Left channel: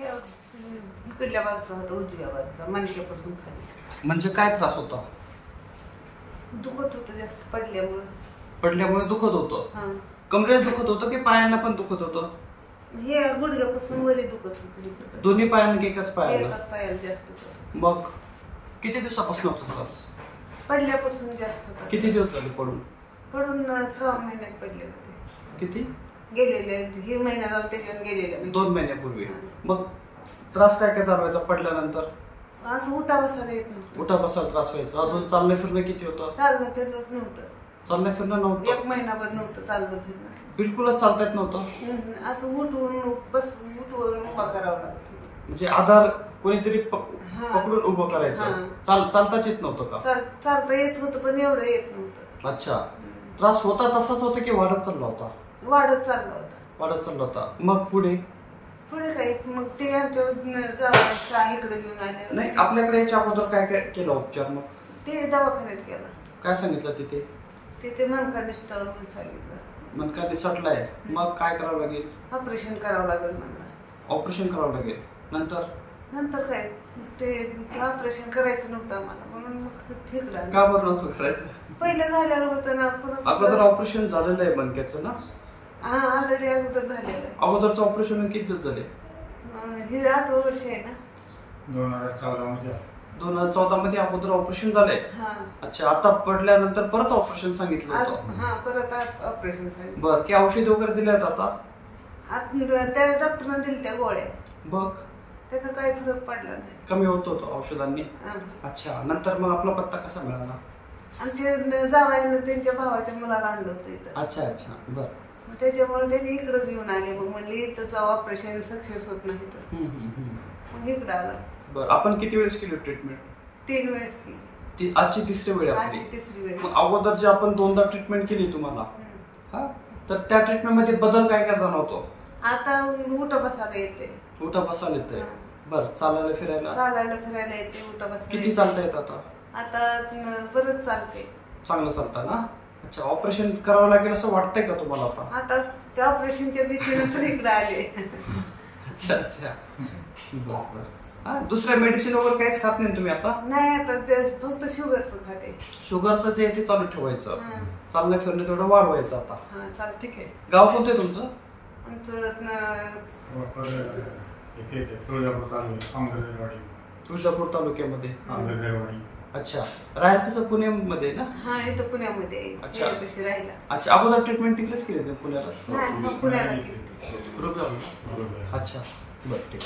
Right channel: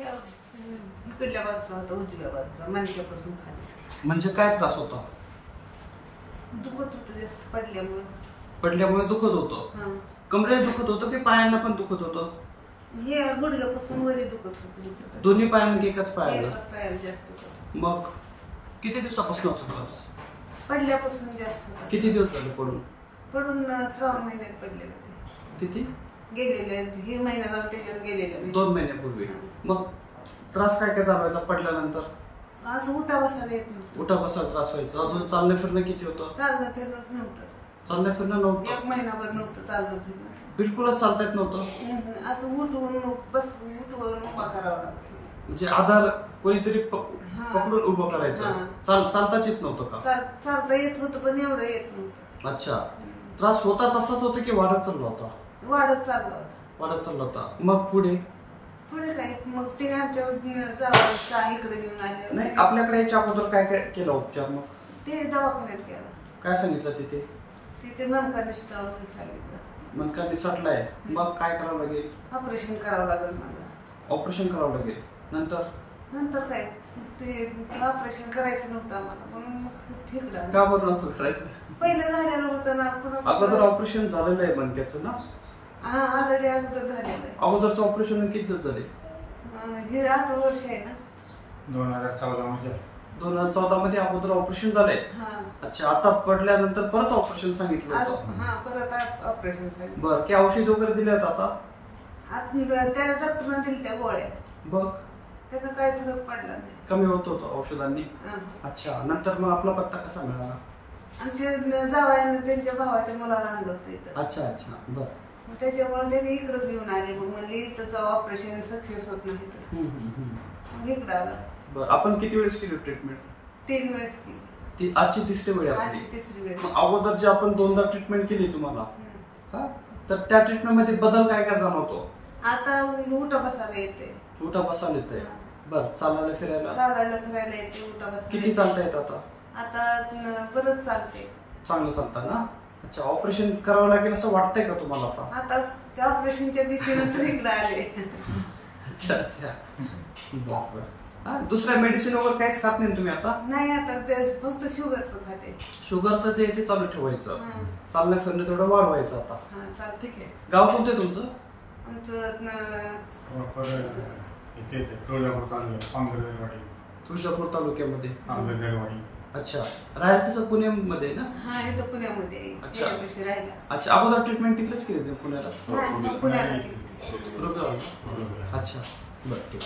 इकडल्या बाजूचा होता, उजव्या बाजूचा, मणक्यापासून खाली. म्हणजे काय त्रास होता? दुखत होतं जास्त पडल्यामुळे दुखत होतं. कमरेत दुखत होतं की पायांना पण दुखत होतं? हे गुडघ्यापासून वरी दुखत होतं. दोन्ही पायांना एकाच पायाला? एकाच पायाला जास्त होतं. मग किती दिवसापासून होतो त्रास? पडल्यापासून जास्त होता. किती दिवस झाले पडून? 6 महिन्यात पडले होते. किती? गेलेले हे महिना जाऊन त्याच्यावर गेलेले 2 महिन्यापूर्वी. मग त्रास काय काय चालवायचा पडल्यानंतर? असं उठा बसायला येत नव्हतं. उठा बसायला त्रास व्हायचा. अजून चालणं फिरणं किती होतं? चालणं फिरणं नव्हतं. चालणं फिरणं नव्हतं? 1 महिनाभर नव्हतं चालणं फिरणं. बिलकुलच चालता येत नव्हतं? असं उठून उठवून उभा करावं लागत. म्हणजे आधार कोणीतरी पकडून उभं करायचं. चालताच येत नव्हतं का? चालता येत होतं पण एवढं येत नव्हतं. अच्छा. त्रास होता तसाच होता की वाढत चालला होता? वाढत चालला होता. वाढत चालला होता. मग पुढे काय मग ते आमच्या इकडे घेऊन आले. नाही, आपल्याकडे याच्या अगोदर काय काय केला उपचार? मग ते दवाखान्यात केला. काय सांगितलं तिथे? तिथे मनका निसटला म्हणून सांगितलं. मनका निसटलाय. मग काय करावं लागेल? ऑपरेशन करावं लागेल मला. ऑपरेशन करावं लागेल. नंतर काय ते ऑपरेशन करायचं नव्हतं आम्हाला म्हणून ठेकलं. का बरं नव्हतं करायचं? पहिलं झालेलं होतं ना. अगोदर ऑपरेशन झालेलं आहे मनक्याचं ना? ऑलरेडी अगोदर झालेलं आहे. अगोदरचं ऑपरेशन किती दिवस झाले? हे 8 वर्ष आहे ना. 2014 मध्ये. 2014 मध्ये अगोदर ऑपरेशन झालंय? अच्छा. आता पडल्यानंतर परत ऑपरेशन सांगितलं होतं? परत ऑपरेशन सांगितलं. बरं. की औषध वगैरे दिले होते आता? त्या डॉक्टरने दिली त्या गोळ्या. बघ त्याचा काही फरक पडला नाही. कमी होत होतं औषधांनी? अच्छा. नंतर मग आपला पत्ता कसा मिळाला? आमच्या जावयानं त्यांच्या भावाच्या मुलाला आणलं होतं इथं. अच्छा अच्छा. बरं. त्याच्यामुळे त्यांनी इकडे घेऊन आले. मग म्हणले इथं जाऊ, ऑपरेशन सक्सेस होत नाही तर मग इकडे आलं. बरं. आपण किती वेळेस केली ट्रीटमेंट? 3 वेळेस केली. आजची तिसरी वेळ आपली? तिसरी वेळ. अगोदर जे आपण 2दा ट्रीटमेंट केली तुम्हाला, तर त्या ट्रीटमेंट मध्ये बदल काय काय जाणवतो? आता उठा बसायला येते. उठा बसायला येते. बरं. चालायला फिरायला येते. उठा बसायला. किती चालता येत आता? आता परत चालते. चांगलं चालतं ना? अच्छा. ऑपरेशन करावं लागेल असं वाटतंय का तुम्हाला आता? आता त्या ऑपरेशनच्या भीतीने तर इकडे आले. अच्छा अच्छा. बरं. दुसऱ्या मेडिसिन वगैरे काहीच खात नाही तुम्ही आता? नाही, आता फक्त शुगरचं खाते. शुगरचं जे ते चालू ठेवायचं. चालणं फिरणं तेवढं वाढवायचं आता. चाल. ठीक आहे. गाव कोणतं आहे तुमचं? तुळजापूर तालुक्यामध्ये. अच्छा. राहायला तसं पुण्यामध्ये ना? इथं पुण्यामध्ये. अच्छा. राहिला. अच्छा. अगोदर ट्रीटमेंट तिकडेच केली होती पुण्याला? पुण्याला. अच्छा. बरं. ठीक.